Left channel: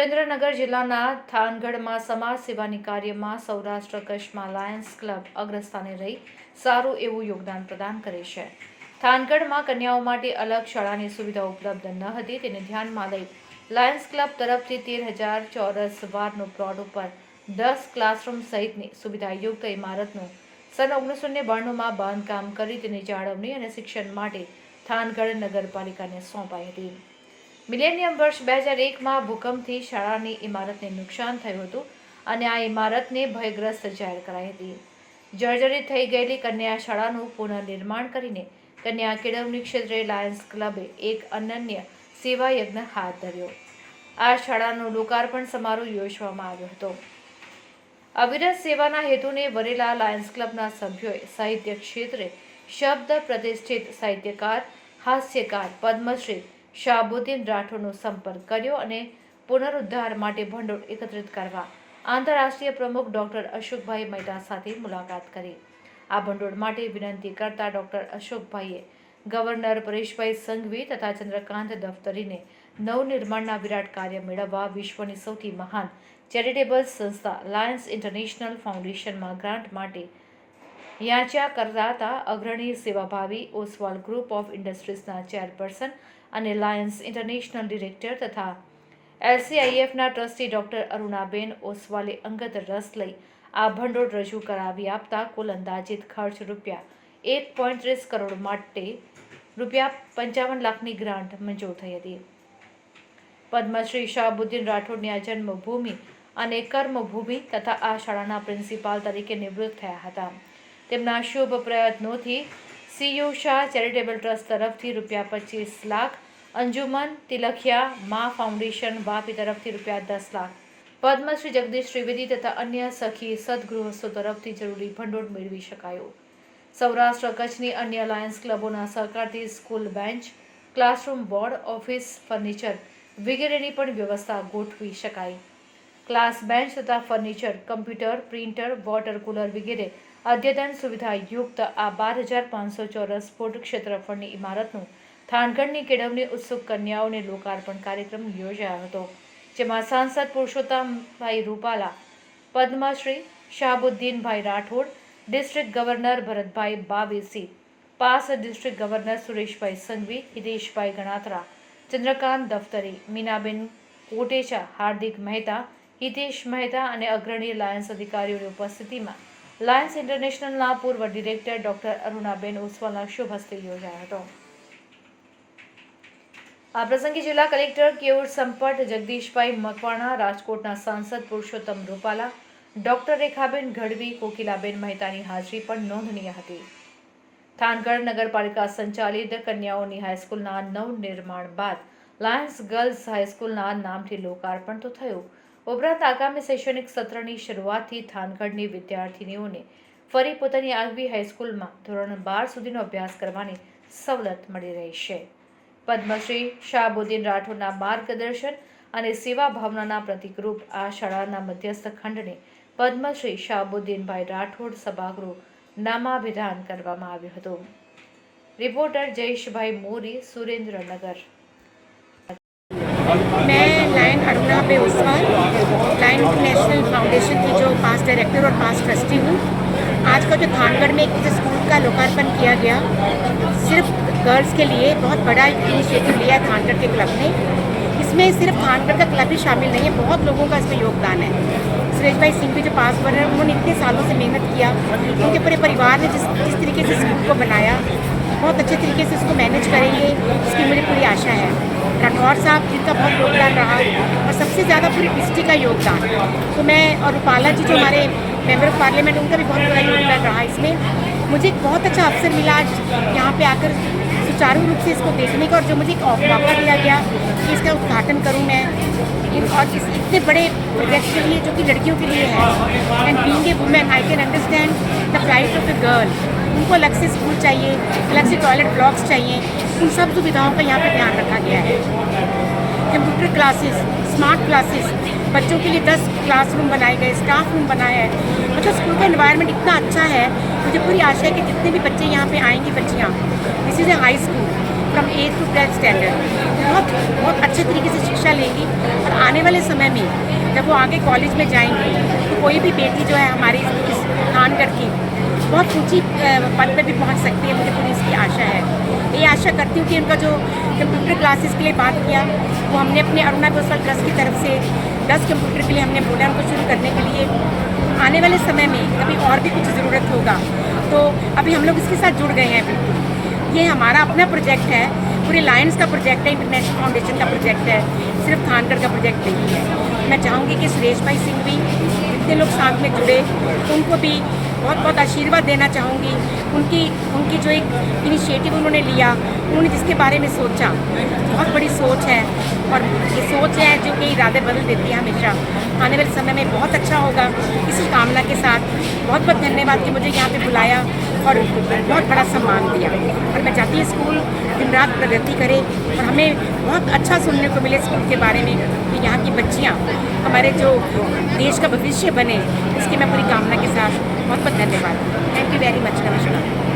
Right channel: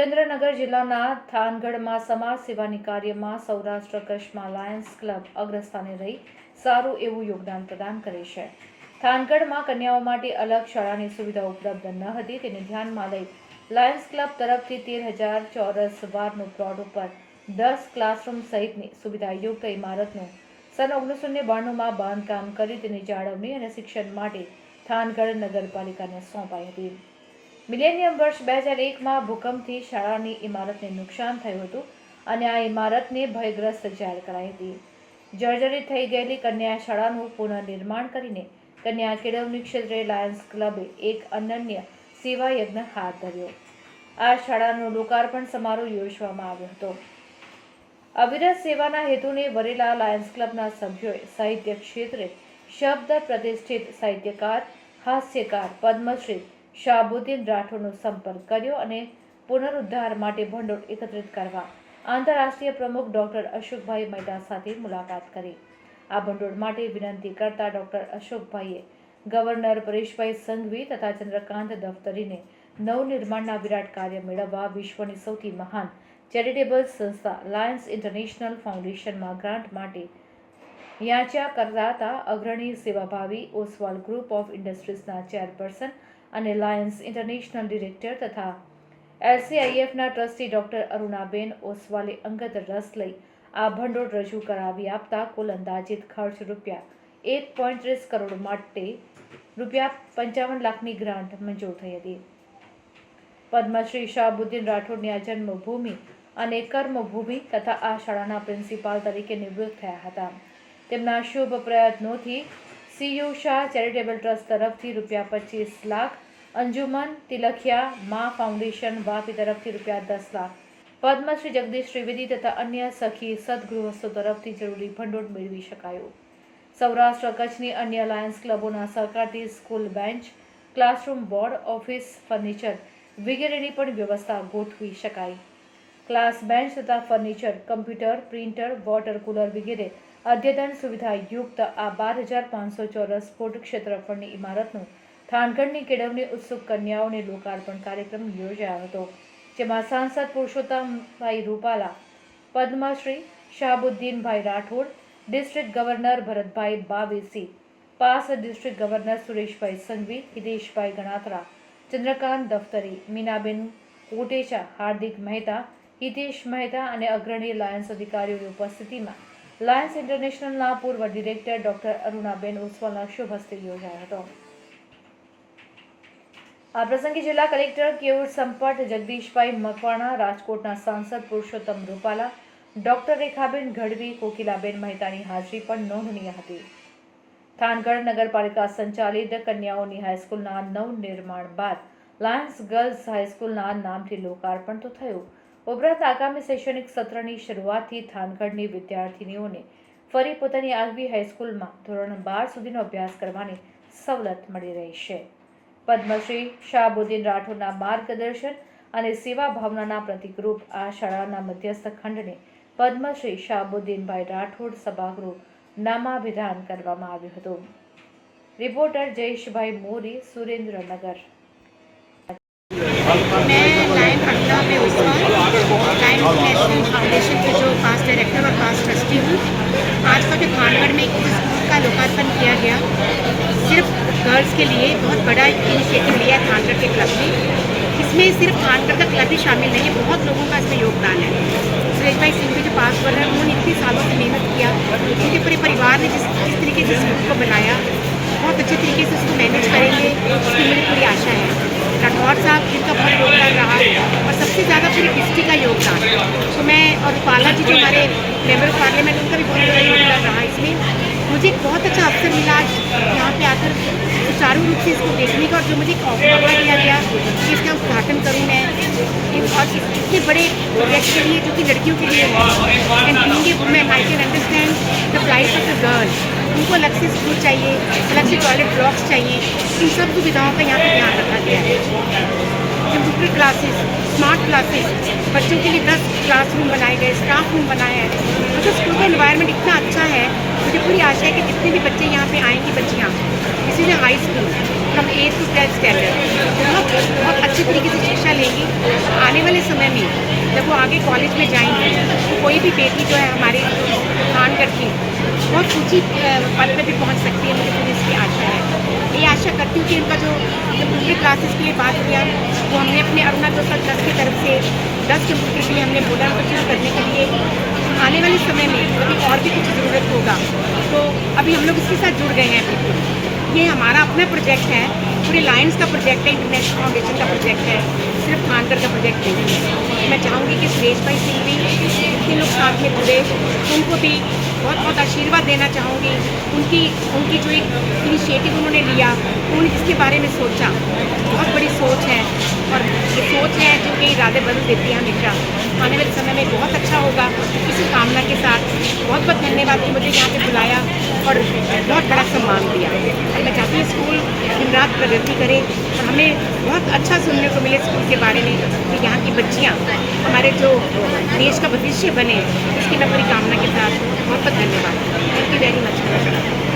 સુરેન્દ્રનગર જિલ્લાના થાનગઢમાં સમાજ સેવાની કાર્યમાં સૌરાષ્ટ્ર કચ્છમાં લાયન્સ ક્લબ અગ્રસ્થાને રહી સારું એવું યોગદાન પ્રદાન કરે છે. થાનગઢમાં કન્યાઓ માટે અલગ શાળાની સુવિધા ઉપલબ્ધ ન હતી, તેને ધ્યાનમાં લઈ લાયન્સ ક્લબ તરફથી તેર હજાર ચોરસ વારનો પ્લોટ ઉપર દસ ક્લાસરૂમ સહિતની સુવિધાયુક્ત ઇમારતનું સન ઓગણીસો ને બાણુંમાં બાંધકામ કરી તેની જાળવણી અને શિક્ષણ માટે થાનગઢ નગરપાલિકાને સોંપાઈ હતી. મિલેનિયમ વર્ષ બે હજાર એકમાં ભૂકંપથી શાળાની ઇમારતને નુકસાન થયું હતું અને આ ઇમારતને ભયગ્રસ્ત જાહેર કરાઈ હતી. જર્જરિત થઈ ગયેલી કન્યા શાળાનું પુનઃનિર્માણ કરીને કન્યા કેળવણી ક્ષેત્રે લાયન્સ ક્લબે એક અનન્ય સેવા યજ્ઞ હાથ ધર્યો. આ શાળાનો લોકાર્પણ સમારોહ યોજવામાં આવ્યો હતો. અવિરત સેવાના હેતુને વરેલા લાયન્સ ક્લબના સભ્યોએ સાહિત્ય ક્ષેત્રે શબ્દ પ્રતિષ્ઠિત સાહિત્યકાર, હાસ્યકાર, પદ્મશ્રી શાહબુદ્દીન રાઠોડનો સંપર્ક કર્યો અને પુનરુદ્ધાર માટે ભંડોળ એકત્રિત કરવા આંતરરાષ્ટ્રીય પ્રમુખ ડૉક્ટર અશોકભાઈ મહેતા સાથે મુલાકાત કરી. આ ભંડોળ માટે વિનંતી કરતા ડૉક્ટર અશોકભાઈએ ગવર્નર પરેશભાઈ સંઘવી તથા ચંદ્રકાંત દફતરીને નવનિર્માણના વિરાટ કાર્ય મેળવવા વિશ્વની સૌથી મહાન ચેરિટેબલ સંસ્થા લાયન્સ ઇન્ટરનેશનલ ફાઉન્ડેશનમાં ગ્રાન્ટ માટે યાચ્યા કરતા અગ્રણી સેવાભાવી ઓસવાલ ગ્રુપ ઓફ ઇન્ડસ્ટ્રીઝના ચેરપર્સન અને લાયન્સ ઇન્ટરનેશનલ ડિરેક્ટર તથા એલસીઆઈએફના ટ્રસ્ટી ડોક્ટર અરુણાબેન ઓસવાલે અંગત રસ લઈ આ ભંડોળ રજૂ કરાવી આપતા કુલ અંદાજિત ખર્ચ રૂપિયા એક પોઈન્ટ ત્રીસ કરોડ માટે રૂપિયા પંચાવન લાખની ગ્રાન્ટ મંજૂર થઈ હતી. પદ્મશ્રી શાહબુદ્દીન રાઠોડની આ જન્મભૂમિ અને કર્મભૂમિ તથા આ શાળાના પ્રિન્સિપાલ તરીકે નિવૃત્ત થયા હતા. તેમના શુભ પ્રયત્નોથી સીયુ શાહ ચેરિટેબલ ટ્રસ્ટ તરફથી રૂપિયા પચીસ લાખ, અંજુમન તિલખિયા મા ફાઉન્ડેશન વાપી તરફથી રૂપિયા દસ લાખ. પદ્મશ્રી જગદીશ ત્રિવેદી તથા અન્ય સખી સદગૃહસ્થો તરફથી જરૂરી ભંડોળ મેળવી શકાયું. સૌરાષ્ટ્ર કચ્છની અન્ય લાયન્સ ક્લબોના સહકારથી school bench, classroom board, office furniture વગેરેની પણ વ્યવસ્થા ગોઠવી શકાય ક્લાસ બેન્ચ તથા furniture, computer, printer, water cooler વગેરે અદ્યતન સુવિધા યુક્ત આ બાર હજાર પાંચસો ચોરસ ફૂટ ક્ષેત્રફળની ઇમારતનું થાનગઢની કેળવણી ઉત્સુક કન્યાઓને લોકાર્પણ કાર્યક્રમ યોજાયો હતો, જેમાં સાંસદ Purushottambhai Rupala, Padmashri Shahbuddinbhai Rathod, district governor Bharatbhai Bavesi past district governor Sureshbhai Sanghvi, Hiteshbhai Ganatra, Chandrakant Daftari, Meenaben Kotecha, Hardik Mehta, Hitesh Mehta અને અગ્રણી લાયન્સ અધિકારીઓની ઉપસ્થિતિમાં લાયન્સ ઇન્ટરનેશનલના પૂર્વ ડિરેક્ટર ડોક્ટર અરુણાબેન ઓસવાલના શુભ હસ્તે યોજાયો હતો. આ પ્રસંગે જિલ્લા કલેક્ટર કેવુર સંપટ જગદીશભાઈ મકવાણા, રાજકોટના સાંસદ પુરુષોત્તમ રૂપાલા, ડોક્ટર રેખાબેન ગઢવી, કોકિલાબેન મહેતાની હાજરી પણ નોંધનીય હતી. થાનગઢ નગરપાલિકા સંચાલિત કન્યાઓની હાઈસ્કૂલના નવનિર્માણ બાદ લાયન્સ ગર્લ્સ હાઈસ્કૂલના નામથી લોકાર્પણ તો થયું ઉપરાંત આગામી શૈક્ષણિક સત્રની શરૂઆતથી થાનગઢની વિદ્યાર્થીનીઓને ફરી પોતાની આગવી હાઈસ્કૂલમાં ધોરણ બાર સુધીનો અભ્યાસ કરવાની સવલત મળી રહી છે. પદ્મશ્રી શાહબુદ્દીન રાઠોડના માર્ગદર્શન અને સેવા ભાવનાના પ્રતિકરૂપ આ શાળાના મધ્યસ્થ ખંડને પદ્મશ્રી શાહબુદ્દીનભાઈ રાઠોડ સભાગૃહ નામાભિધાન કરવામાં આવ્યું હતું. રિપોર્ટર જયેશભાઈ મોરી, સુરેન્દ્રનગર. पे उस्मान लायन इंटरनेशनल फाउंडेशन के जो पास डायरेक्टर और पास ट्रस्टी हूँ, आज का जो थानगढ़ में एक स्कूल का लोकार्पण किया गया। सिर्फ़ गर्ल्स के लिए बहुत बड़ा इनिशिएटिव लिया है थानगढ़ के क्लब ने। इसमें सिर्फ़ थानगढ़ का क्लब ही शामिल नहीं है, बहुत लोगों का इसमें योगदान है। सुरेश भाई सिंह भी जो पास हुआ है, उन्होंने इतने सालों से मेहनत किया। उनके पूरे परिवार ने जिस जिस तरीके से स्कूल को बनाया, बहुत अच्छे तरीके से उसको मैनेज करेंगे इसकी मेरी पूरी आशा है। राठौर साहब, जिनका बहुत योगदान रहा सबसे ज़्यादा पूरी डिस्ट्रिक्ट का योगदान। तो मैं और रूपाला जी जो हमारे मेंबर ऑफ़ पार्लियामेंट उनका भी बहुत बड़ा योगदान रहा इसमें। मुझे एक बहुत अच्छा अवसर मिला आज यहाँ पे आकर सुचारू रूप से इसको देखने का और जो मुझे एक मौका दिया गया कि इसका उद्घाटन करूँ मैं। इन- और इस इतने बड़े प्रोजेक्ट के लिए जो कि लड़कियों के लिए है। And being a women I can understand the price of the girl उनको अलग से स्कूल चाहिए अलग से टॉयलेट ब्लॉक्स चाहिए। उन सब सुविधाओं का यहाँ पर ध्यान रखा गया है। कंप्यूटर क्लासेस, स्मार्ट क्लासेस, बच्चों के लिए दस क्लासरूम बनाए गए स्टाफ रूम बनाया है। मुझे स्कूल का इन्वायरमेंट इतना अच्छा है, मुझे पूरी आशा है कि जितने भी बच्चे यहाँ पे आएँगी, बच्चियाँ this is a high school from eight to tenth standard बहुत बहुत अच्छे तरीके से शिक्षा लेंगी, और आने वाले समय में जब वो आगे कॉलेज में जाएँगे तो कोई भी बेटी जो है हमारे इस खानगढ़ की बहुत ऊँची पद पर भी पहुँच सकती है, मुझे पूरी इसकी आशा है। आशा करती हूँ कि इनका जो कंप्यूटर क्लासेस के लिए बात किया, वो हमने अपने अरुणा दोस्तल ट्रस्ट की तरफ़ से दस कंप्यूटर के लिए हमने बोला उनको शुरू करने के लिए आने वाले समय में कभी और भी कुछ ज़रूरत होगा तो अभी हम लोग इसके साथ जुड़ गए हैं बिल्कुल। ये हमारा अपना प्रोजेक्ट है, पूरे लायंस का प्रोजेक्ट है इंटरनेशनल फाउंडेशन का प्रोजेक्ट है, सिर्फ़ खानकर का प्रोजेक्ट नहीं है। मैं चाहूँगी कि सुरेश भाई सिंह भी जितने लोग साथ में जुड़े। उनको भी बहुत बहुत आशीर्वाद देना चाहूँगी। उनकी उनकी जो एक इनिशिएटिव उन्होंने लिया, उन्होंने जिसके बारे में सोचा, बहुत बड़ी सोच है। और ये सोच है जो कि इरादे बदल देती है हमेशा। आने वाले समय में बहुत अच्छा होगा। इसी कामना के साथ बहुत बहुत धन्यवाद कि मुझे यहाँ पे बुलाया और बहुत बड़ा सम्मान दिया। मैं चाहती हूँ स्कूल दिन रात प्रगति करे और हमें बहुत अच्छा सुनने को मिले स्कूल के बारे में कि यहाँ की बच्चियाँ, हमारे जो देश का भविष्य बने, इसकी मैं पूरी कामना के साथ बहुत बहुत धन्यवाद। थैंक यू वेरी मच नमस्कार।